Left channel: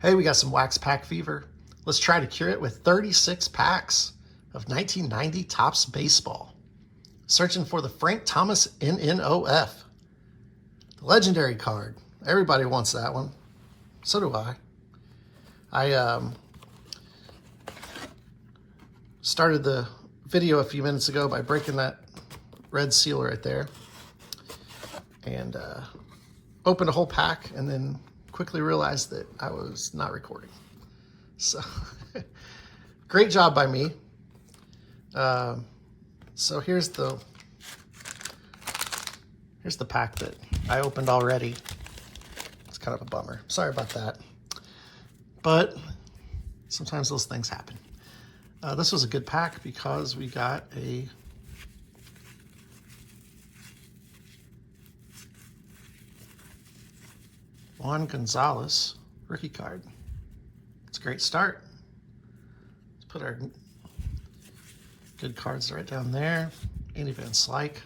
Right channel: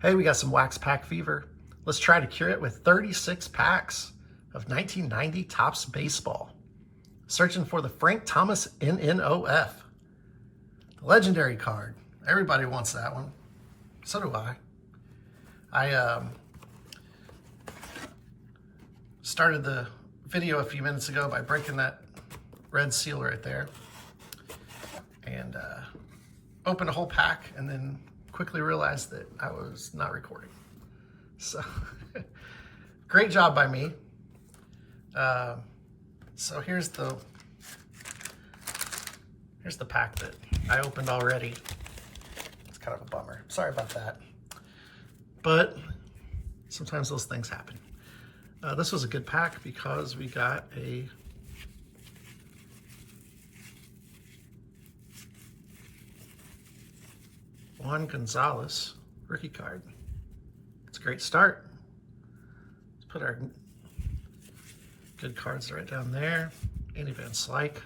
Hey, we got some wax pack fever. Let's try to cure it with 36 packs of 1990 Topps Baseball. Searching for the Frank Thomas NNOF. The legendary card. Everybody wants that one. So do I. I started the video a few minutes ago by breaking that red seal right there. And opened a whole pack and then quickly realized that I was not recording. So great job by me. So here's the pack that I opened already. It's kind of a bummer. Sorry about that. But sometimes those things happen. This was a good pack because we got a Juan Gonzalez rookie card. It's a great start. Let's put our good cards right down there. Andy Van Slyke.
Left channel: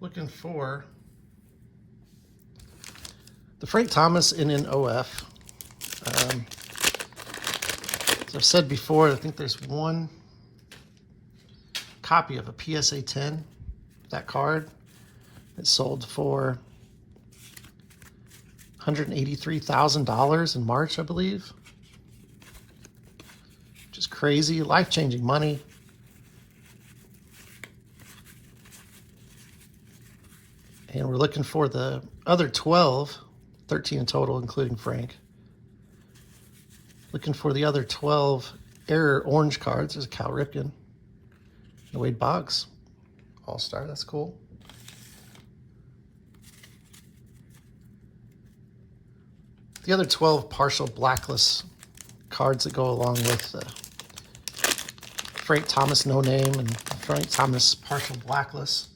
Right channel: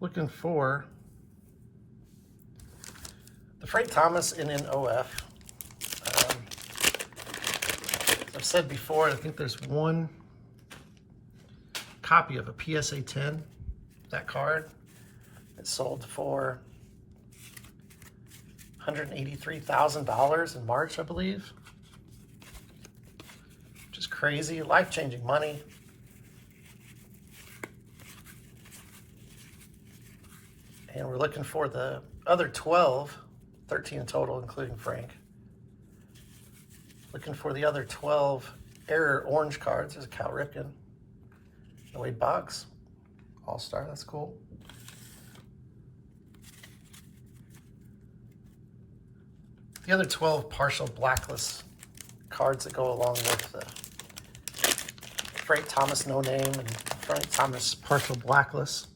Looking for the Frank Thomas NNOF. As I've said before, I think there's one copy of a PSA 10, that card. It sold for $183,000 in March, I believe. Which is crazy, life-changing money. And we're looking for the other 12, 13 in total, including Frank. Looking for the other 12 Error orange cards. There's a Cal Ripken. And Wade Boggs. All-Star, that's cool. The other 12 partial blacklist cards that go along with the Frank Thomas no name and Frank Thomas partial blacklist.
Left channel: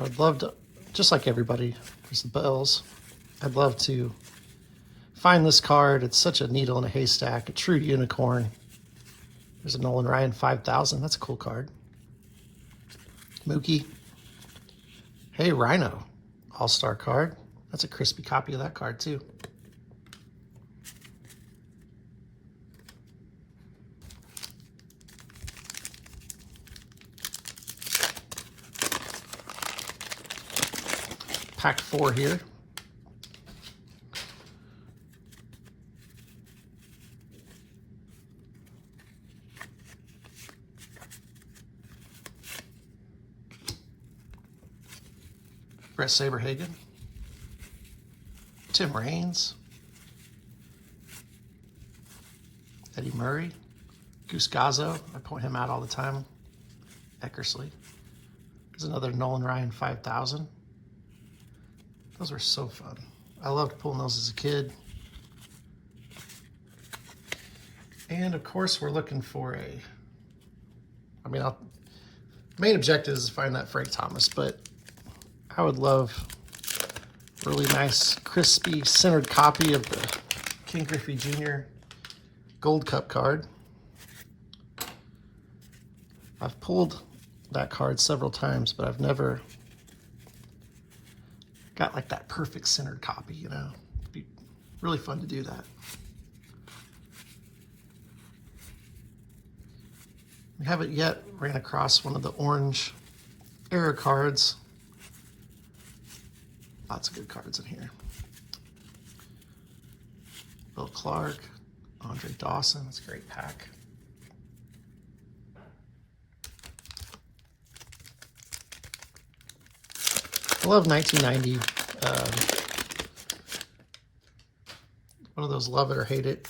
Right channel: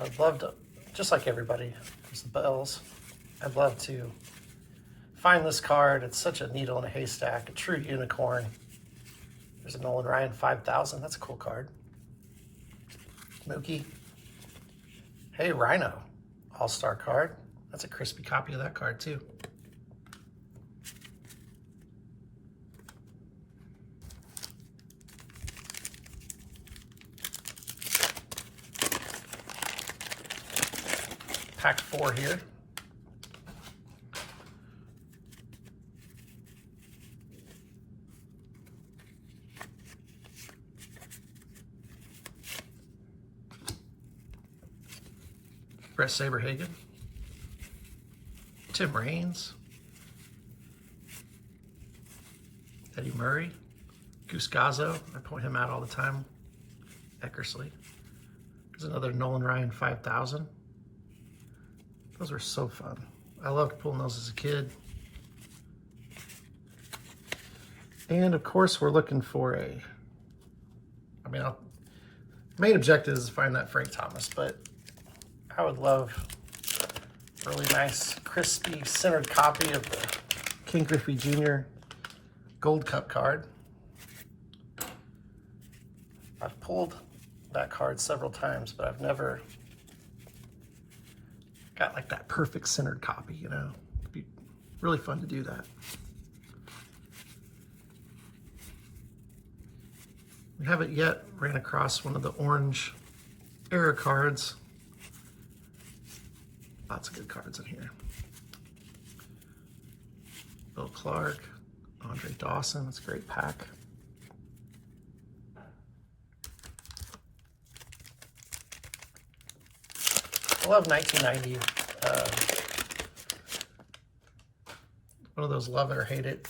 I'd love to, just like everybody, because the Bells, I'd love to find this card. It's such a needle in a haystack, a true unicorn. There's a Nolan Ryan 5000. That's a cool card. Mookie. Hey, Rhino. All-Star card. That's a crispy copy of that card, too. Pack 4 here. Brett Saberhagen, Tim Raines, Eddie Murray, Goose Gazzo, I point him out all the time, Eckersley. There's another Nolan Ryan 5000. Those were so fun. I loved pulling those as a kid. And of course we're looking for main objective is to find that Frank Thomas, but I would love a really nice, crispy, centered copy of the Ken Griffey Jr. Gold Cup card. I've pulled that card several times, but I've never got like that perfect centered copy, you know. It'd be really fun to do that. We haven't yet ran across one of the orange Error cards. Lots of good cards in here. Bill Clark, Andre Dawson, that's a great pack. I love 1990. One of those love it or hate it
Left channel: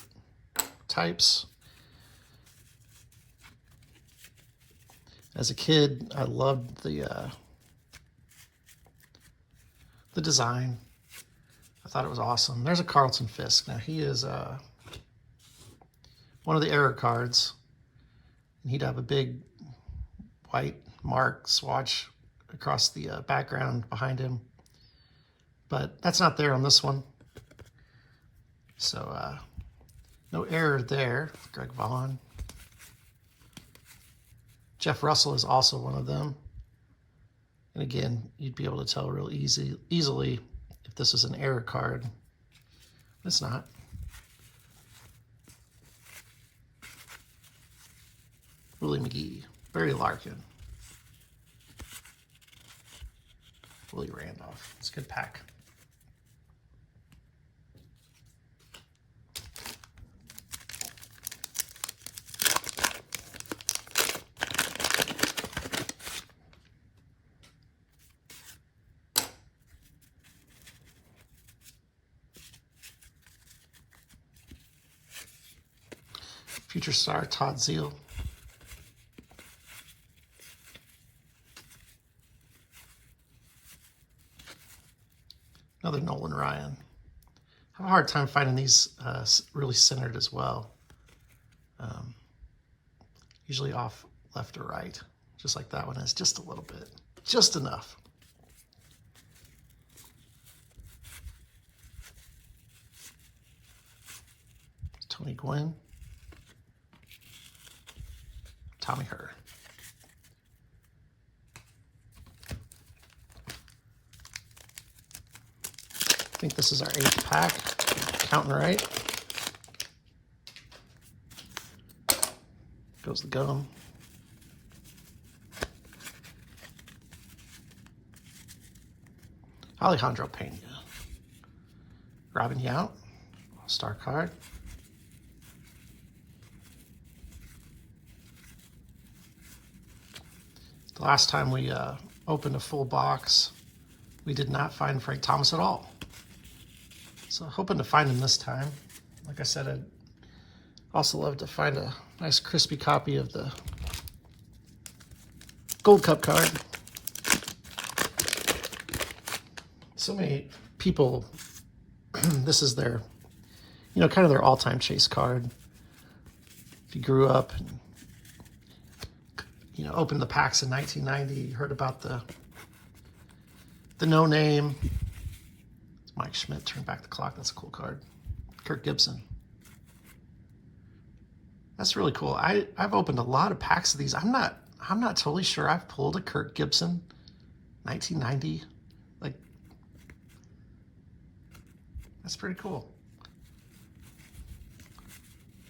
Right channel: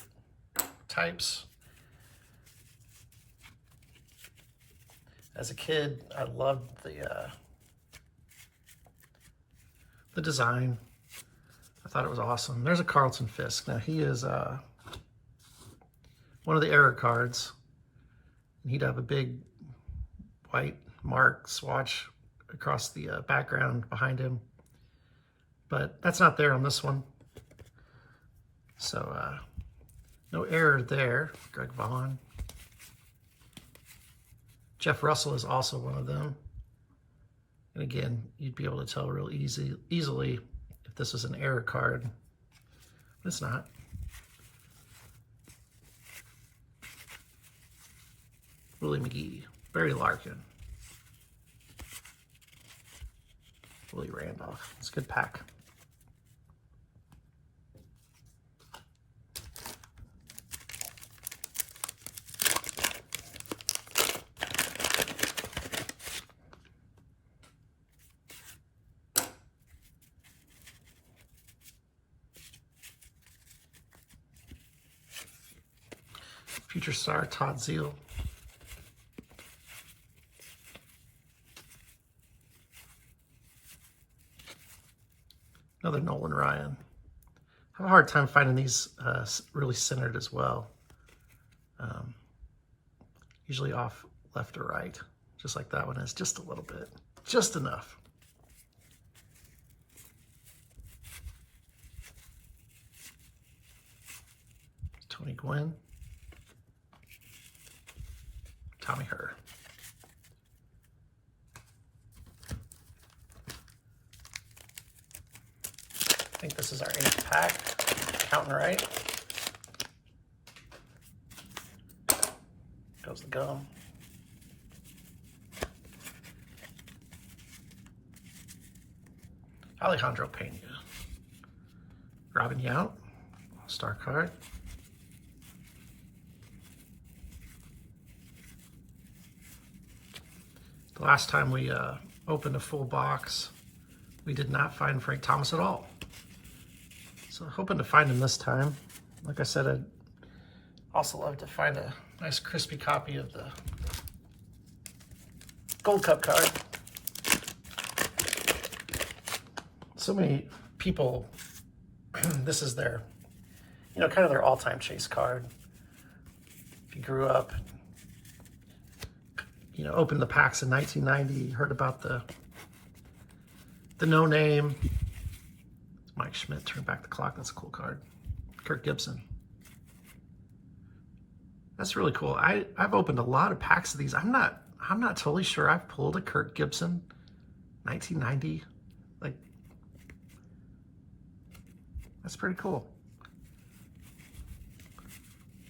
types. As a kid, I loved the design. I thought it was awesome. There's a Carlton Fisk. Now he is one of the Error cards. And he'd have a big white mark swatch across the background behind him. But that's not there on this one. So No error there. Greg Vaughn. Jeff Russell is also one of them. And again, you'd be able to tell real easily if this was an error card. It's not. Willie McGee. Barry Larkin. Willie Randolph. It's a good pack. Future star Todd Zeal. Another Nolan Ryan. I have a hard time finding these really centered as well. Usually off left or right, just like that one is, just a little bit, just enough. Tony Gwynn. Tommy Herr. I think this is our 8th pack. Counting right. Goes the gum. Alejandro Pena. Robin Yount. Star card. The last time we opened a full box, we did not find Frank Thomas at all. So hoping to find him this time. Like I said, I'd also love to find a nice crispy copy of the Gold Cup card. So many people, this is their, kind of their all-time chase card. If you grew up and opened the packs in 1990, heard about the no name. Mike Schmidt, Turn Back the Clock. That's a cool card. Kirk Gibson. That's really cool. I've opened a lot of packs of these. I'm not totally sure I've pulled a Kirk Gibson 1990. Like, that's pretty cool.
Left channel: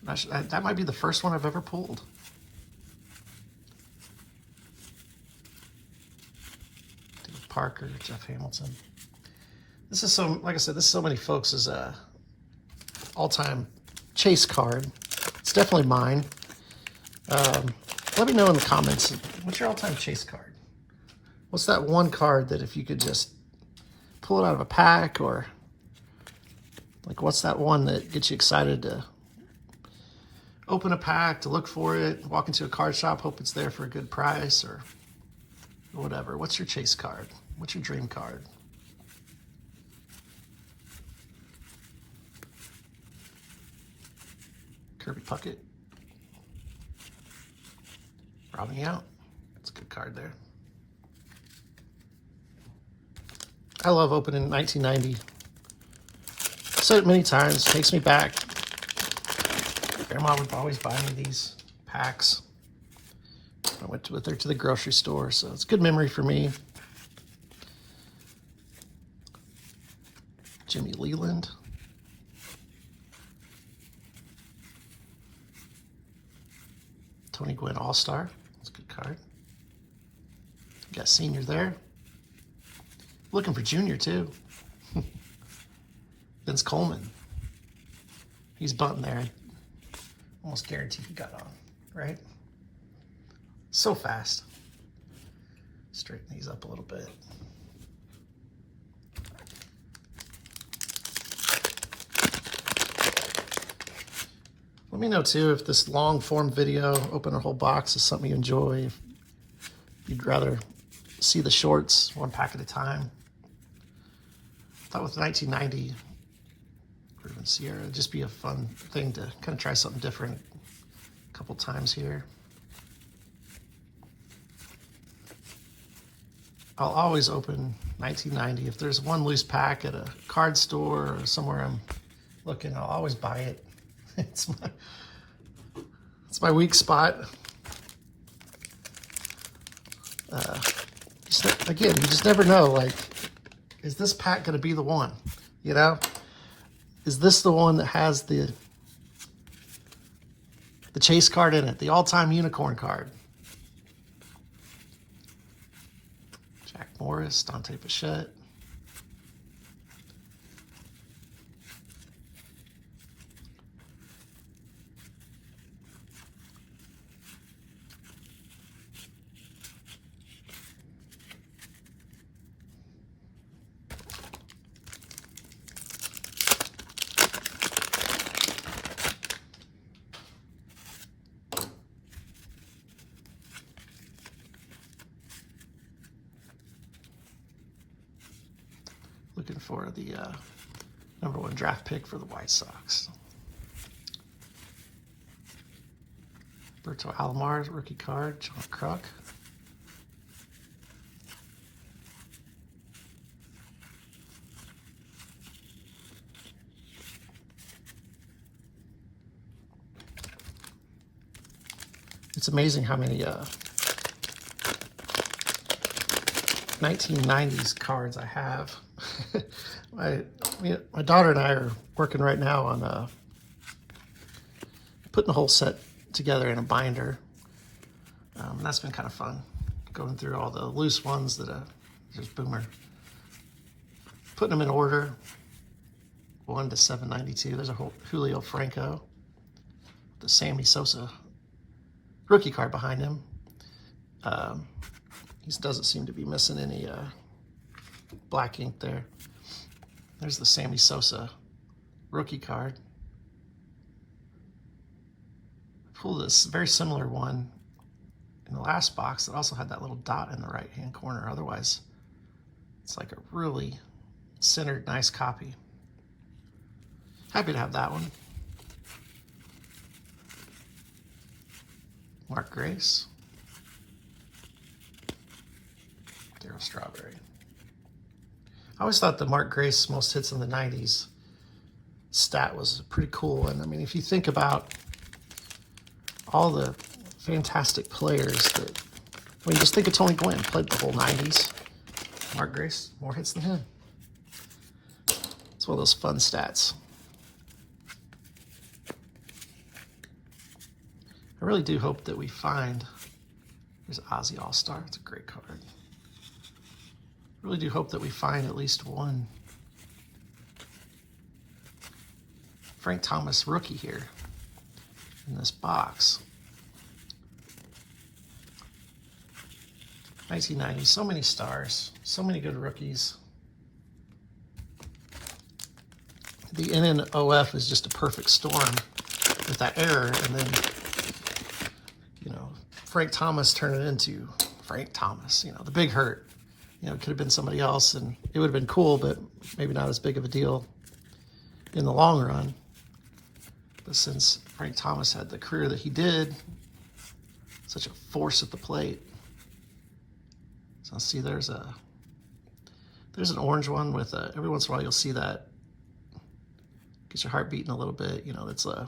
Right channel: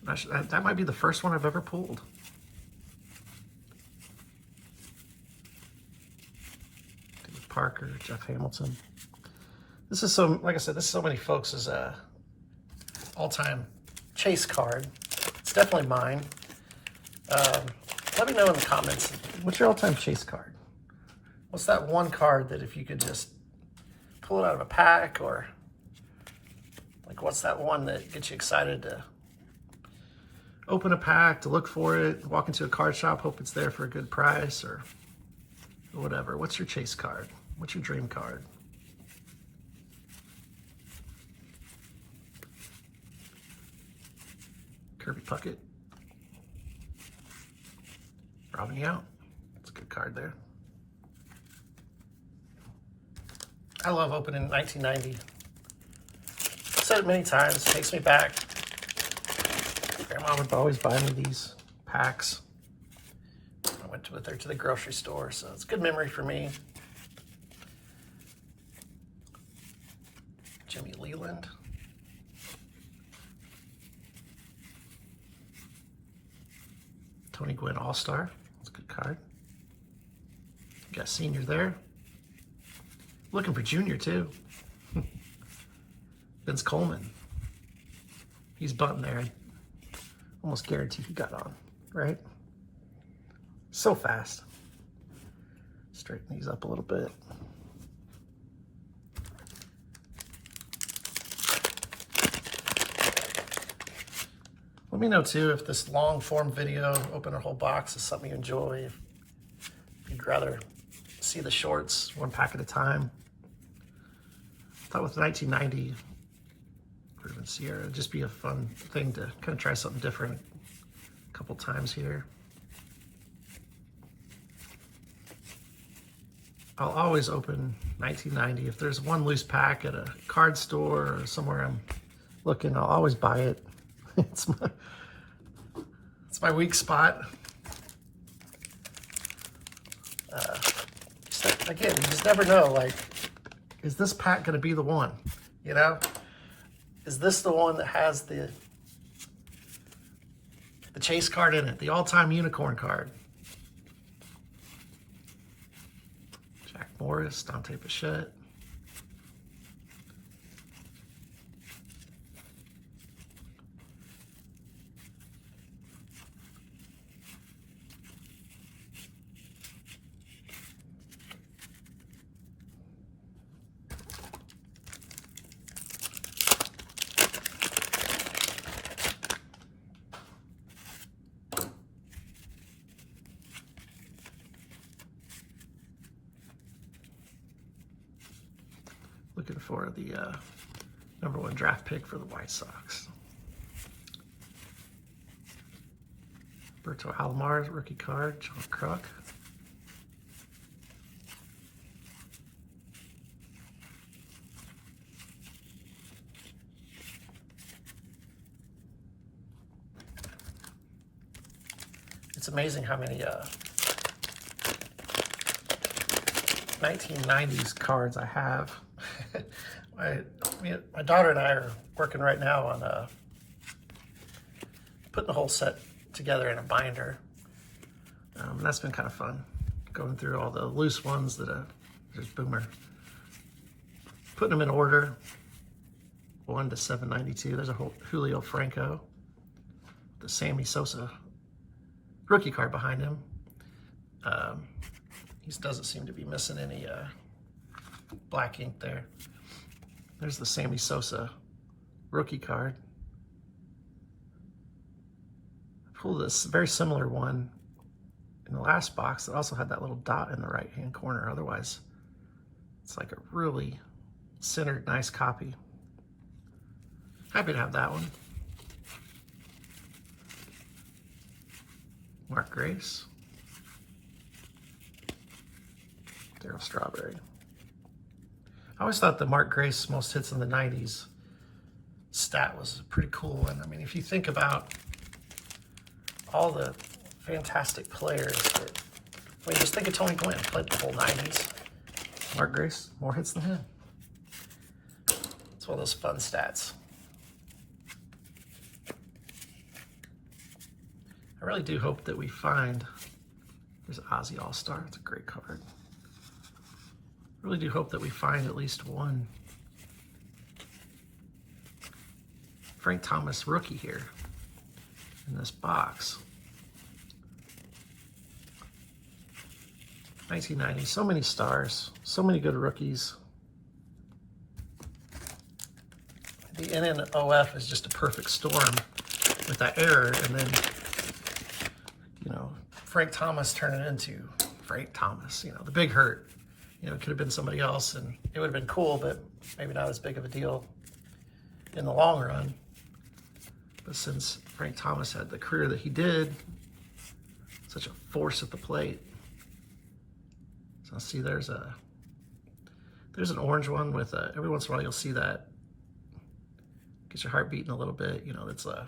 That might be the first one I've ever pulled. Parker, Jeff Hamilton. This is like I said, this is so many folks' all-time chase card. It's definitely mine. Let me know in the comments, what's your all-time chase card? What's that one card that if you could just pull it out of a pack, or like what's that one that gets you excited to open a pack, to look for it, walk into a card shop, hope it's there for a good price, or whatever. What's your chase card? What's your dream card? Kirby Puckett. Robin Yount. That's a good card there. I love opening 1990. I've said it many times. It takes me back. Grandma would always buy me these packs. I went with her to the grocery store, so it's a good memory for me. Jimmy Leland. Tony Gwynn All-Star. That's a good card. You got Senior there. Looking for Junior, too. Vince Coleman. He's bunting there. Almost guarantee he got on, right? So fast. Straighten these up a little bit. Let me know too if this long form video, open a whole box, is something you enjoy. If you'd rather see the shorts one pack at a time. I thought with 1990, or even Sierra, it'd just be a fun thing to kind of try something different a couple times here. I'll always open 1990. If there's one loose pack at a card store or somewhere I'm looking, I'll always buy it. It's my weak spot. Again, you just never know, like, is this pack going to be the one? You know? Is this the one that has the chase card in it, the all-time unicorn card? Jack Morris, Dante Bichette. Looking for the #1 draft pick for the White Sox. Berto Alomar, rookie card, John Kruk. It's amazing how many 1990s cards I have. My daughter and I are working right now on putting the whole set together in a binder. And that's been kind of fun, going through all the loose ones that there's Boomer. Putting them in order, 1 to 792. There's a Julio Franco, the Sammy Sosa rookie card behind him. He doesn't seem to be missing any black ink there. There's the Sammy Sosa rookie card. I pulled this very similar one in the last box that also had that little dot in the right-hand corner. Otherwise, it's like a really centered, nice copy. Happy to have that one. Mark Grace. Darryl Strawberry. I always thought the Mark Grace most hits in the 90s stat was pretty cool. And I mean, if you think about all the fantastic players that, I mean, just think of Tony Gwynn, played the whole 90s. Mark Grace, more hits than him. It's one of those fun stats. I really do hope that we find, there's Ozzy All-Star, it's a great card. I really do hope that we find at least one Frank Thomas rookie here in this box. 1990, so many stars, so many good rookies. The NNOF is just a perfect storm with that error, and then, you know, Frank Thomas turned it into Frank Thomas, you know, the big hurt. You know, it could have been somebody else, and it would have been cool, but maybe not as big of a deal in the long run. But since Frank Thomas had the career that he did, such a force at the plate. So see, there's an orange one with every once in a while you'll see that gets your heart beating a little bit. You know, it's like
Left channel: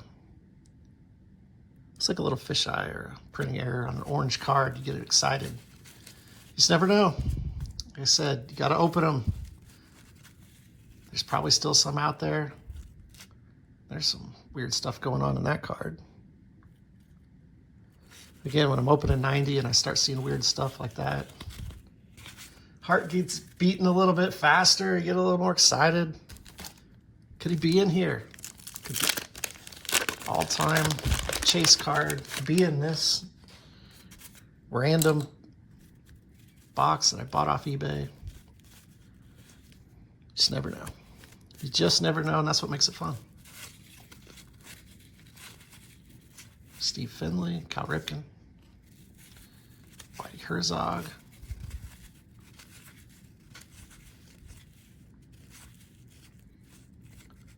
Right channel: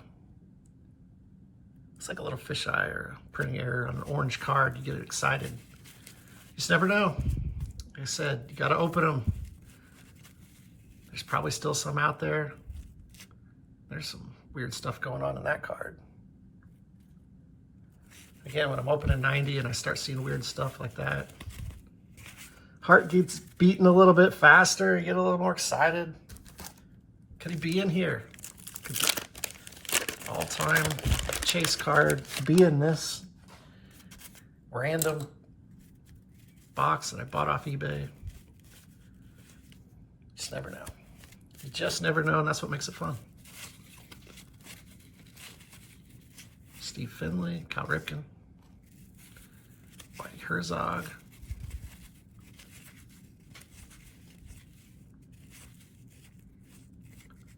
a little fisheye or a printing error on an orange card. You get excited. You just never know. Like I said, you got to open them. There's probably still some out there. There's some weird stuff going on in that card. Again, when I'm opening 90 and I start seeing weird stuff like that, heart gets beating a little bit faster. You get a little more excited. Could he be in here? Could be all-time chase card be in this random box that I bought off eBay? Just never know. You just never know, and that's what makes it fun. Steve Finley, Cal Ripken, Whitey Herzog.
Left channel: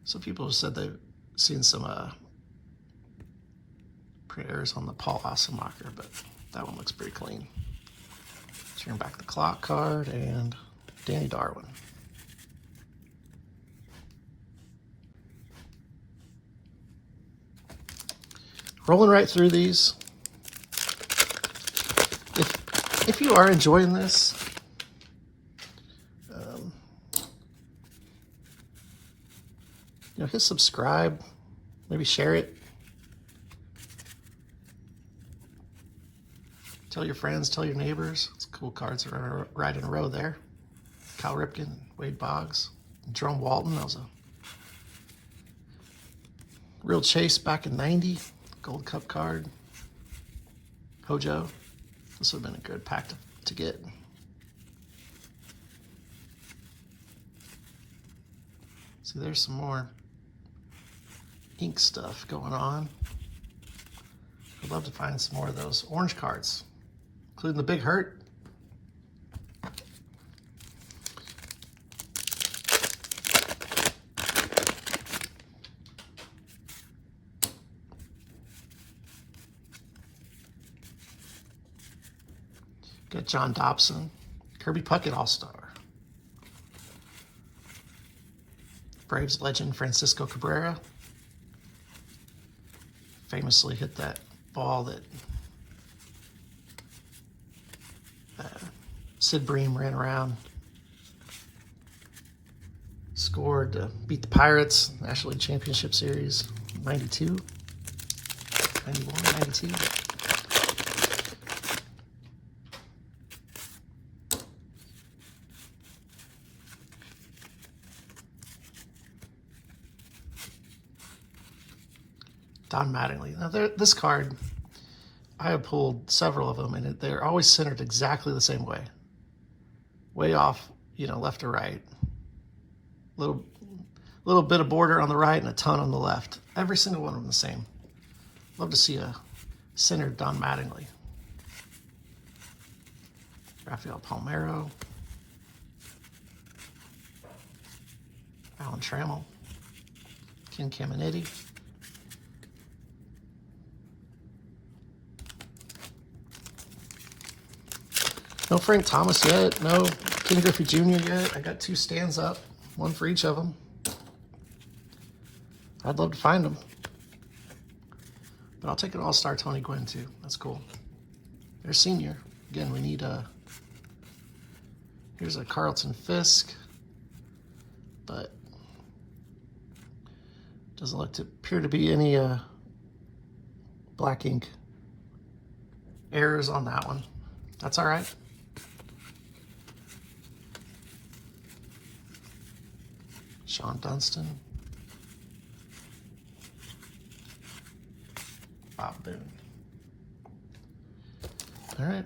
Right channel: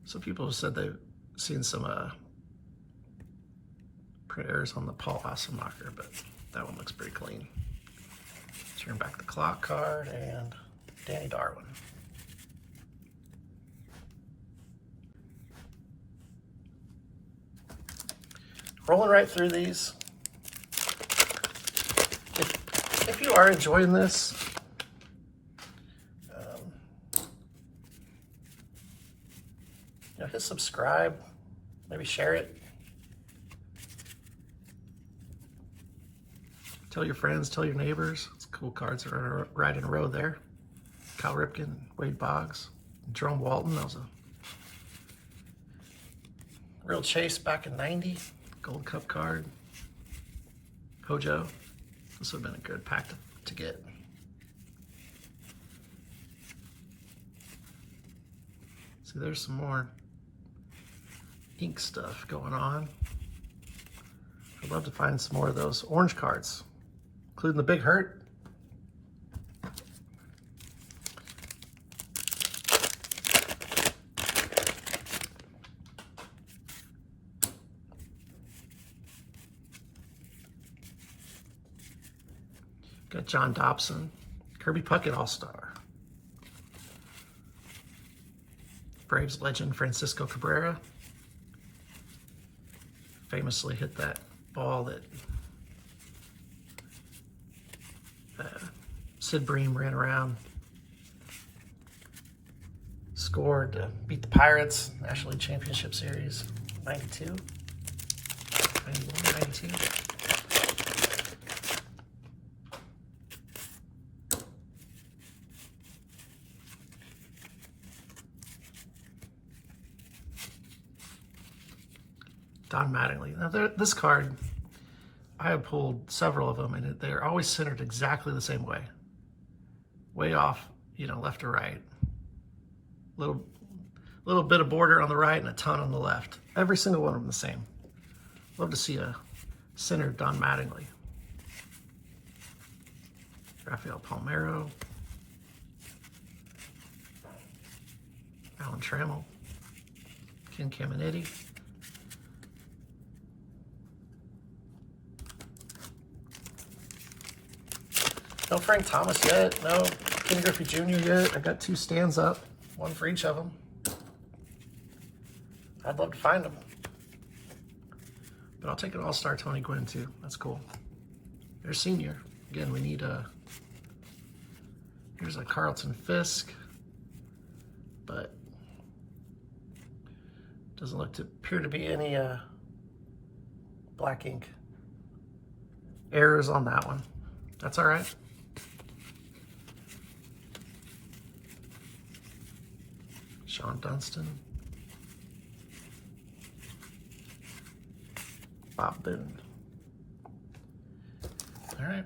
Some people have said they've seen some print errors on the Paul Asemacher, but that one looks pretty clean. Turn back the clock card and Danny Darwin. Rolling right through these. If you are enjoying this, hit subscribe, maybe share it. Tell your friends, tell your neighbors. It's cool cards that are right in a row there. Cal Ripken, Wade Boggs, Jerome Walton. That was a real chase back in '90. Gold Cup card. Hojo. This would have been a good pack to get. See, there's some more ink stuff going on. I'd love to find some more of those orange cards, including the Big Hurt. Got John Dobson, Kirby Puckett All-Star. Braves legend Francisco Cabrera. Famously hit that ball that Sid Bream ran around. Scored to beat the Pirates, National League Championship Series, 92, 91, 92. Don Mattingly. Now, this card, I have pulled several of them, and they're always centered exactly the same way. Way off, left or right. Little bit of border on the right and a ton on the left. Every single one of them the same. Love to see a centered Don Mattingly. Rafael Palmeiro. Alan Trammell. Ken Caminiti. No Frank Thomas yet. No Ken Griffey Jr. yet. I got 2 stands up, one for each of them. I'd love to find them. But I'll take an All-Star Tony Gwynn too. That's cool. There's senior. Again, we need here's a Carlton Fisk, but doesn't look to appear to be any black ink errors on that one. That's all right. Sean Dunston. Bob Boone. All right.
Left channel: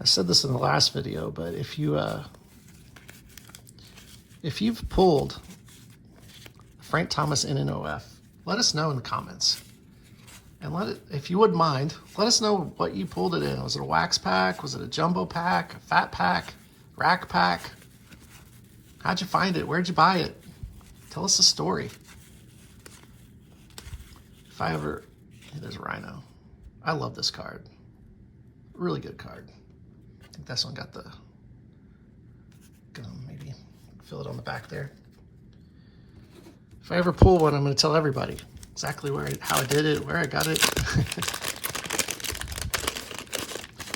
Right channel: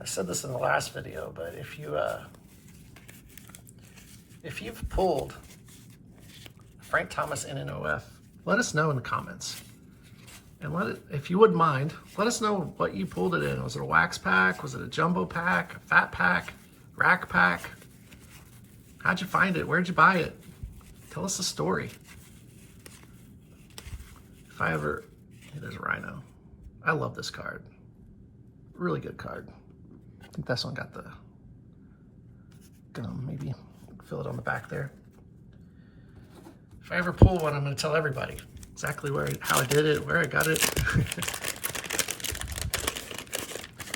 I said this in the last video, but if you've pulled Frank Thomas NNOF, let us know in the comments. And if you wouldn't mind, let us know what you pulled it in. Was it a wax pack? Was it a jumbo pack? A fat pack? Rack pack? How'd you find it? Where'd you buy it? Tell us the story. If I ever... Hey, there's a Rhino. I love this card. Really good card. I think this one got the gum. Maybe fill it on the back there. If I ever pull one, I'm going to tell everybody exactly how I did it, where I got it.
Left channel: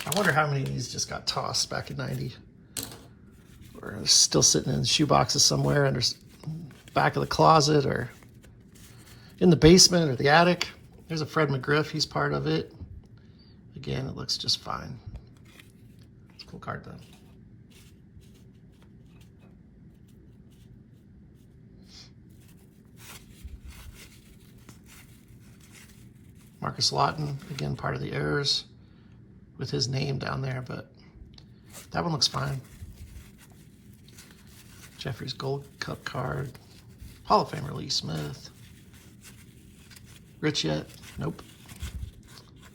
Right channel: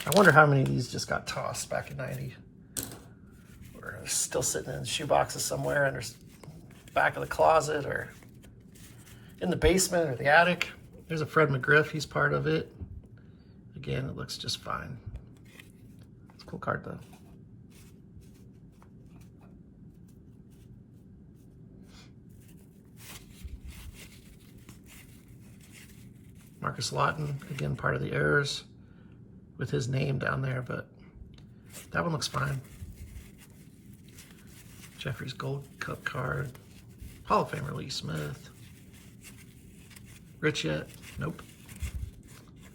I wonder how many of these just got tossed back in '90. Or still sitting in shoe boxes somewhere under the back of the closet or in the basement or the attic. There's a Fred McGriff, he's part of it. Again, it looks just fine. It's a cool card though. Marcus Lawton, again, part of the errors with his name down there, but that one looks fine. Jeffrey's Gold Cup card. Hall of Famer Lee Smith. Rich yet? Nope.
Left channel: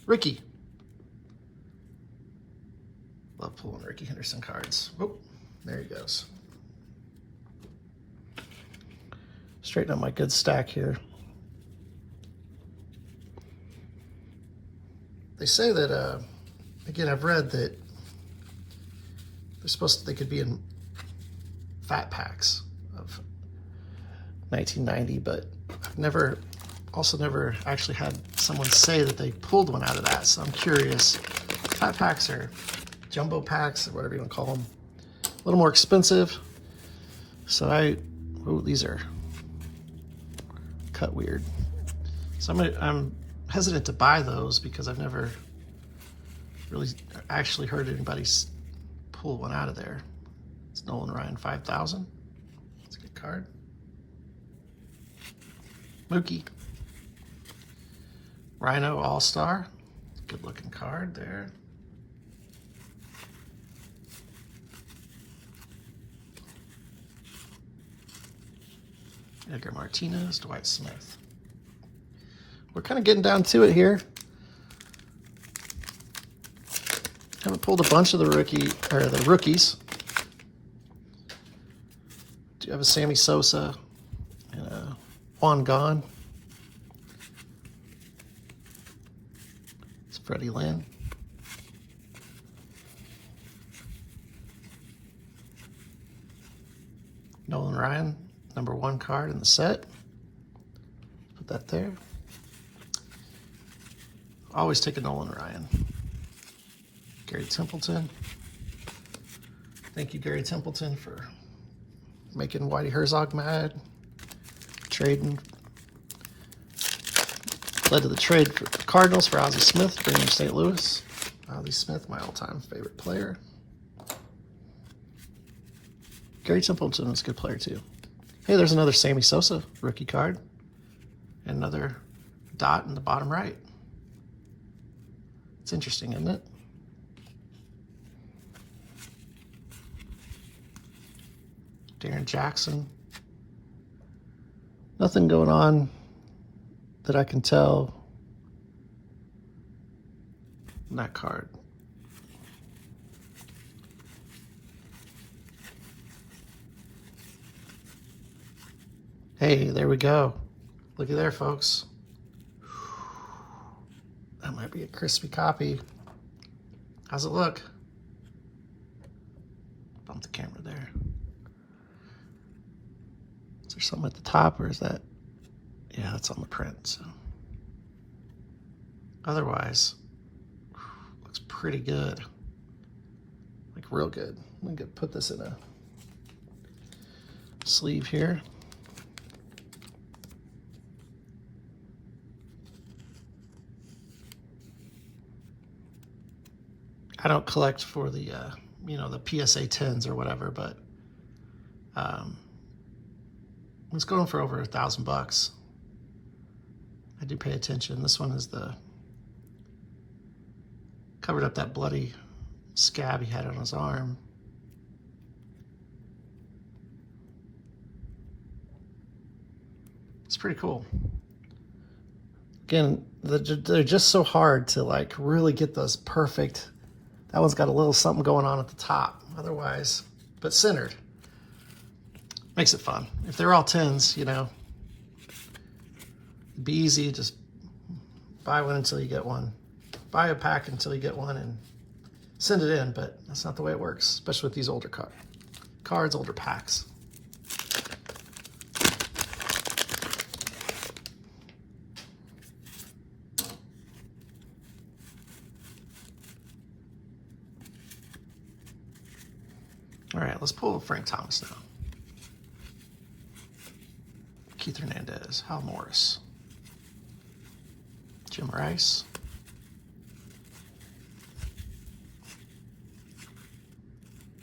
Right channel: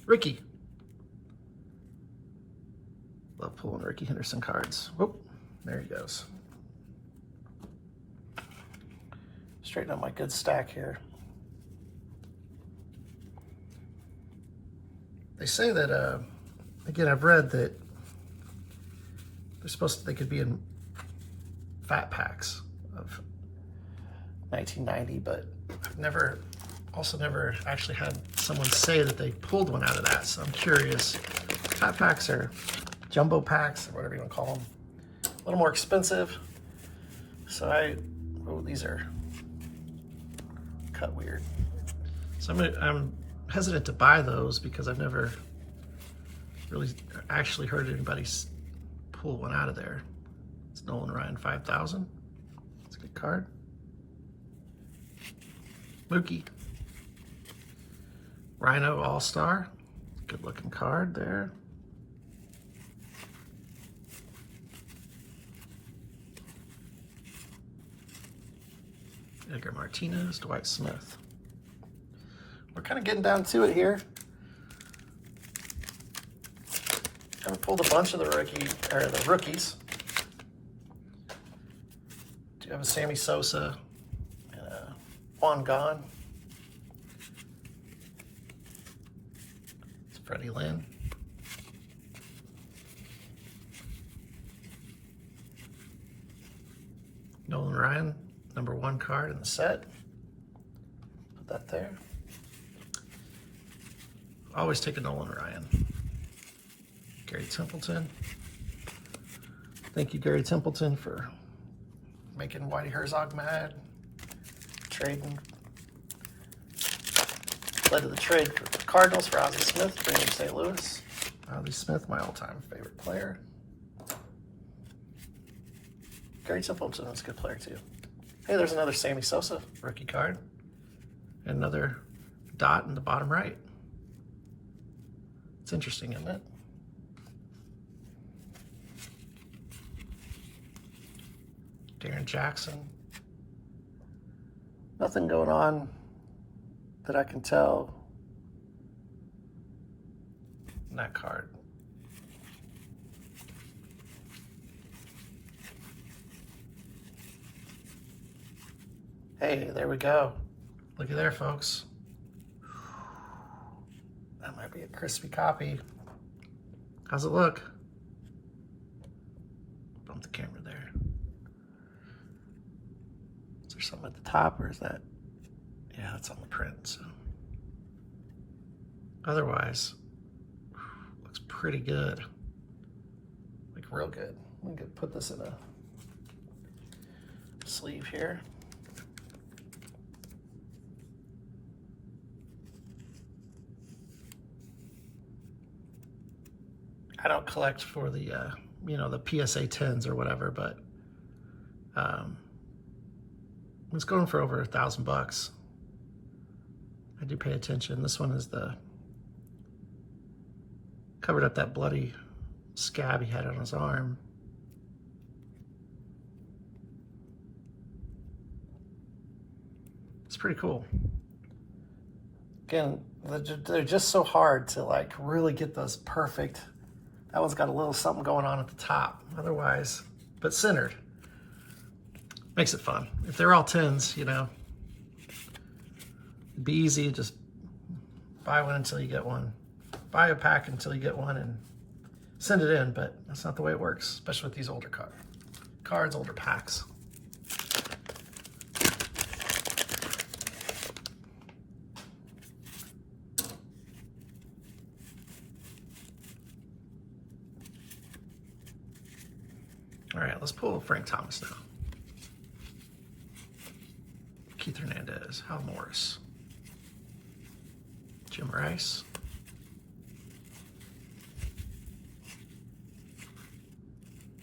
Ricky. Love pulling Ricky Henderson cards. Whoop, there he goes. Straighten up my good stack here. They say that, again, I've read that they could be in fat packs of 1990, but I've never actually had someone say that they pulled one out of that, so I'm curious. Fat packs or jumbo packs, or whatever you want to call them, a little more expensive. So these are cut weird. So I'm hesitant to buy those because I've never really actually heard anybody pull one out of there. It's Nolan Ryan 5000. It's a good card. Mookie. Rhino All-Star. Good looking card there. Edgar Martinez, Dwight Smith. We're kind of getting down to it here. Haven't pulled a bunch of the rookies. Do you have a Sammy Sosa, Juan Gone? It's Freddie Lynn. Nolan Ryan, #1 card in the set. Put that there. Always take a Nolan Ryan. Gary Templeton. Thank you, Gary Templeton, for making Whitey Herzog mad. Trading. Led to the trade for the Cardinals for Ozzie Smith, bringing St. Louis. Ozzie Smith, my all-time favorite player. Gary Templeton is a good player too. Hey, there's another Sammy Sosa rookie card. And another dot in the bottom right. It's interesting, isn't it? Darren Jackson. Nothing going on that I can tell in that card. Hey, there we go. Look at there, folks. That might be a crispy copy. How's it look? Bump the camera there. Is there something at the top, or is that? Yeah, that's on the print, so. Otherwise, looks pretty good. Like real good. I'm gonna put this in a sleeve here. I don't collect for the, the PSA 10s or whatever, but it's going for over $1,000. I do pay attention. This one is covered up that bloody scab he had on his arm. It's pretty cool. Again, they're just so hard to like really get those perfect. That one's got a little something going on at the top, otherwise, but centered. Makes it fun. If they're all 10s, it'd be easy. Just buy one until you get one. Buy a pack until you get one and send it in, but that's not the way it works, especially with these older cards, older packs. All right, let's pull Frank Thomas now. Keith Hernandez, Hal Morris, Jim Rice,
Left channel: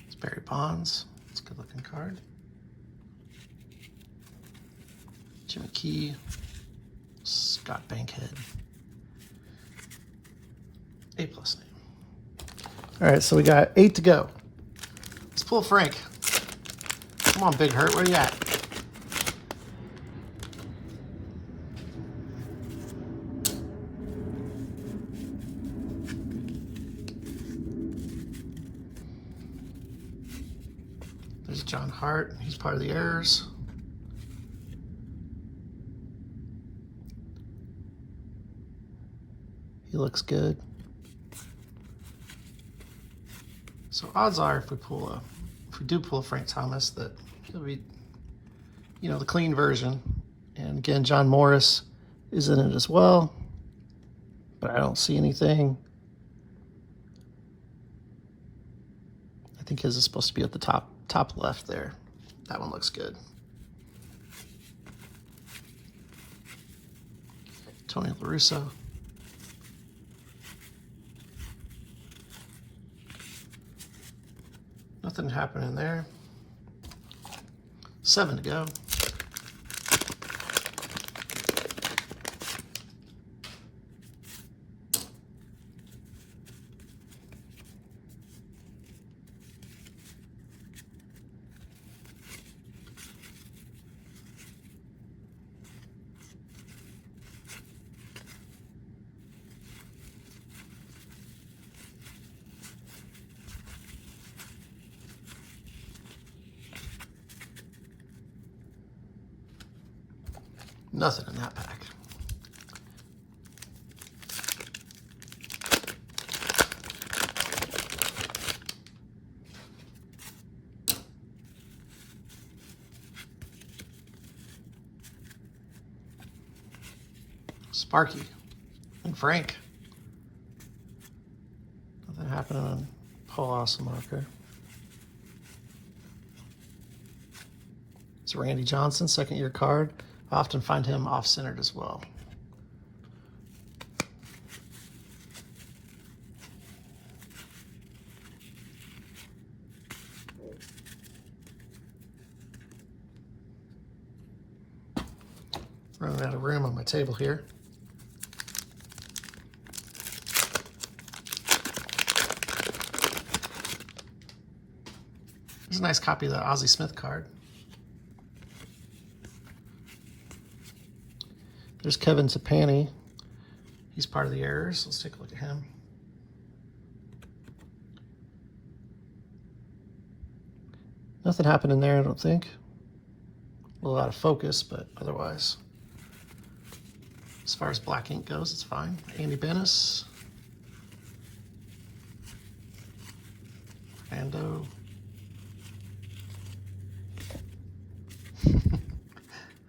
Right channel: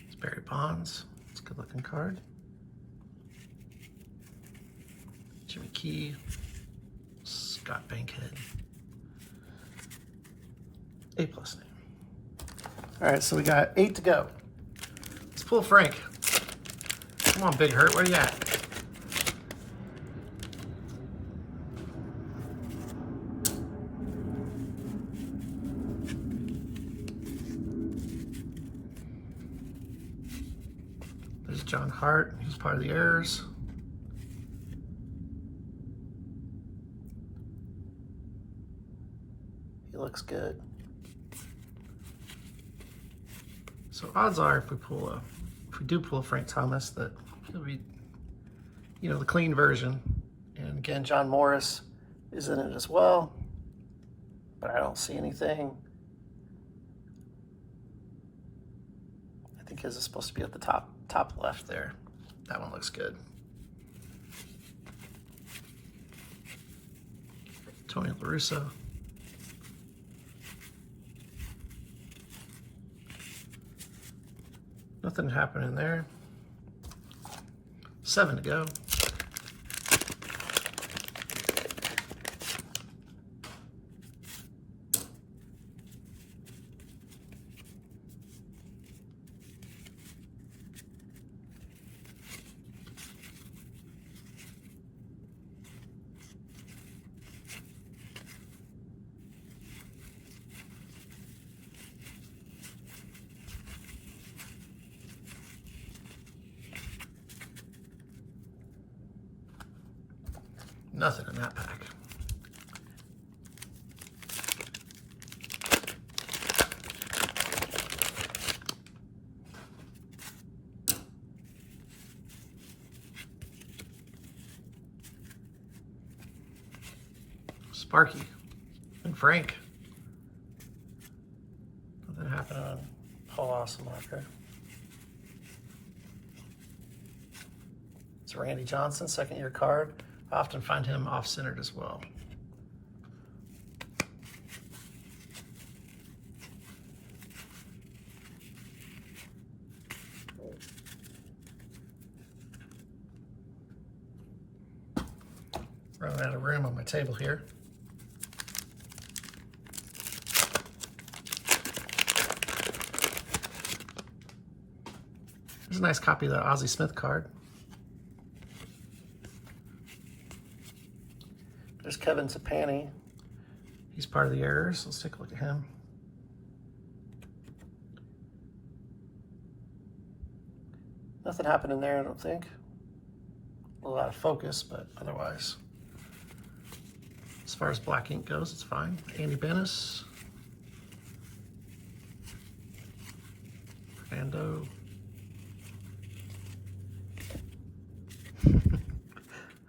it's Barry Bonds. It's a good looking card. Jimmy Key, Scott Bankhead, A+ name. All right, so we got 8 to go. Let's pull Frank. Come on, Big Hurt, where you at? There's John Hart. He's part of the Errors. He looks good. So odds are, if we do pull a Frank Thomas, that it'll be, you know, the clean version. And again, John Morris is in it as well, but I don't see anything. I think his is supposed to be at the top left there. That one looks good. Tony La Russa. Nothing happening there. 7 to go. Nothing in that pack. Sparky and Frank. Nothing happening on Paul Awesome, okay. It's Randy Johnson, second-year card. I often find him off-centered as well. Running out of room on my table here. There's a nice copy of the Ozzie Smith card. There's Kevin Sapani. He's part of the errors. Let's take a look at him. Nothing happened in there, I don't think. A little out of focus, but otherwise, as far as black ink goes, it's fine. Andy Bennis. Fernando.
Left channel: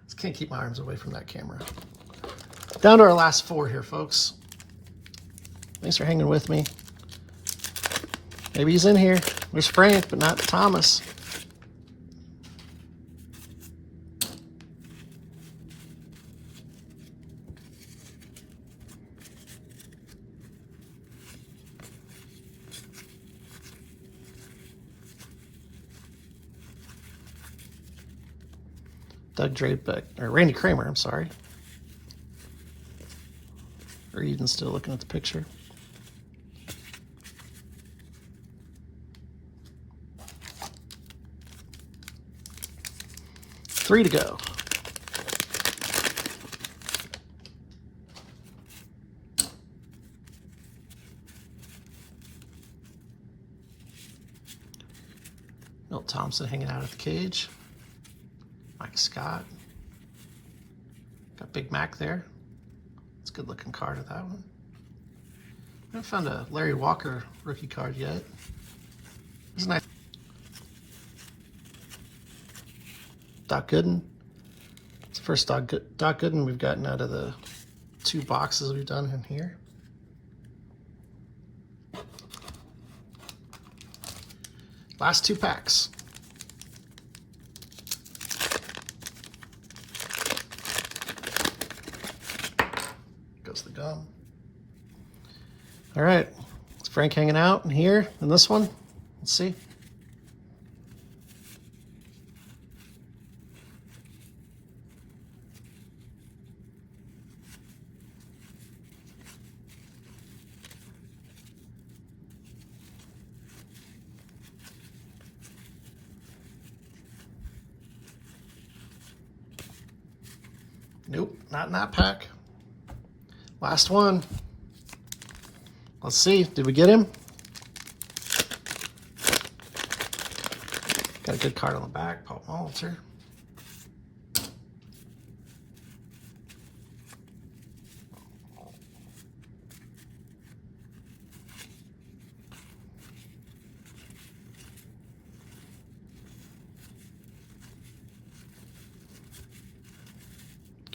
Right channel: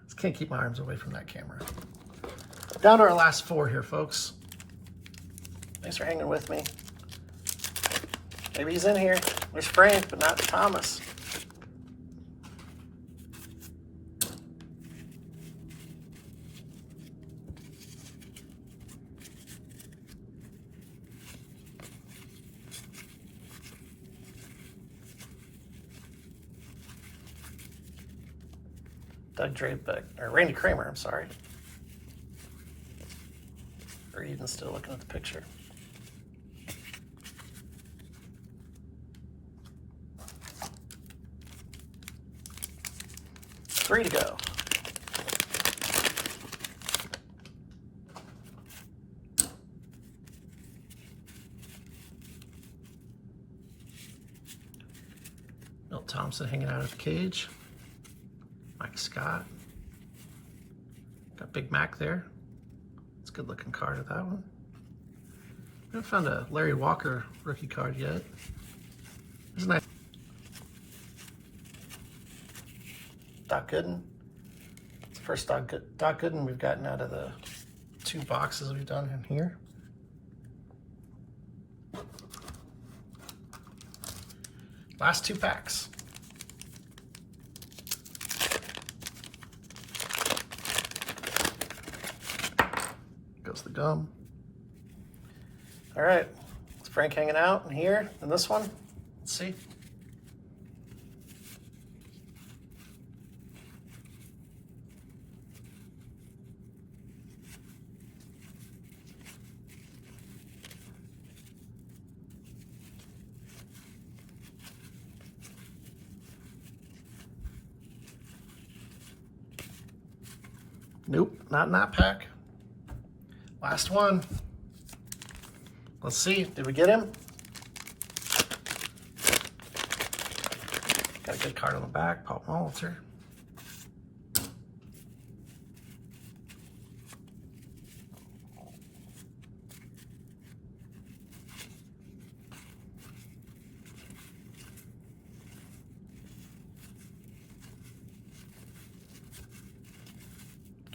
Just can't keep my arms away from that camera. Down to our last 4 here, folks. Thanks for hanging with me. Maybe he's in here. There's Frank, but not Thomas. Doug Drabeck, or Randy Kramer, I'm sorry. Or even still looking at the picture. Three to go. Milt Thompson hanging out at the cage. Mike Scott. Got Big Mac there. It's a good looking card of that one. I haven't found a Larry Walker rookie card yet. There's a nice Doc Gooden. It's the first Doc Gooden we've gotten out of the 2 boxes we've done in here. Last 2 packs. Goes the gum. All right, it's Frank hanging out in here in this one. Let's see. Nope, not in that pack. Last one. Let's see, did we get him? Got a good card on the back, Paul Molitor.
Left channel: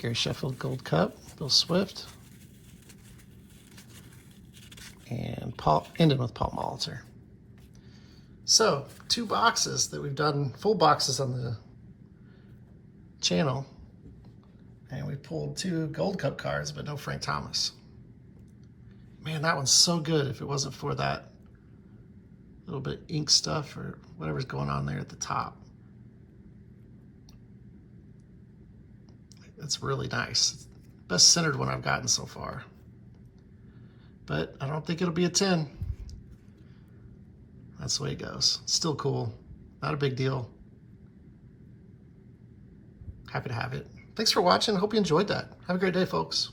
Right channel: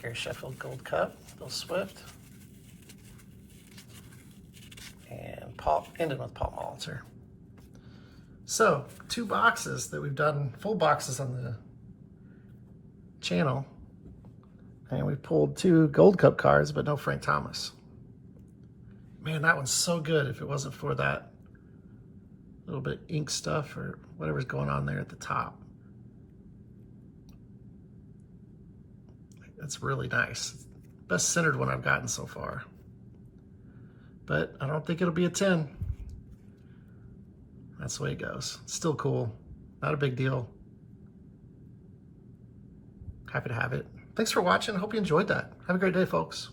Gary Sheffield Gold Cup, Bill Swift. And Paul, ending with Paul Molitor. So, 2 boxes that we've done, full boxes on the channel. And we pulled 2 Gold Cup cards, but no Frank Thomas. Man, that one's so good if it wasn't for that little bit of ink stuff or whatever's going on there at the top. That's really nice. Best centered one I've gotten so far. But I don't think it'll be a 10. That's the way it goes. Still cool. Not a big deal. Happy to have it. Thanks for watching. Hope you enjoyed that. Have a great day, folks.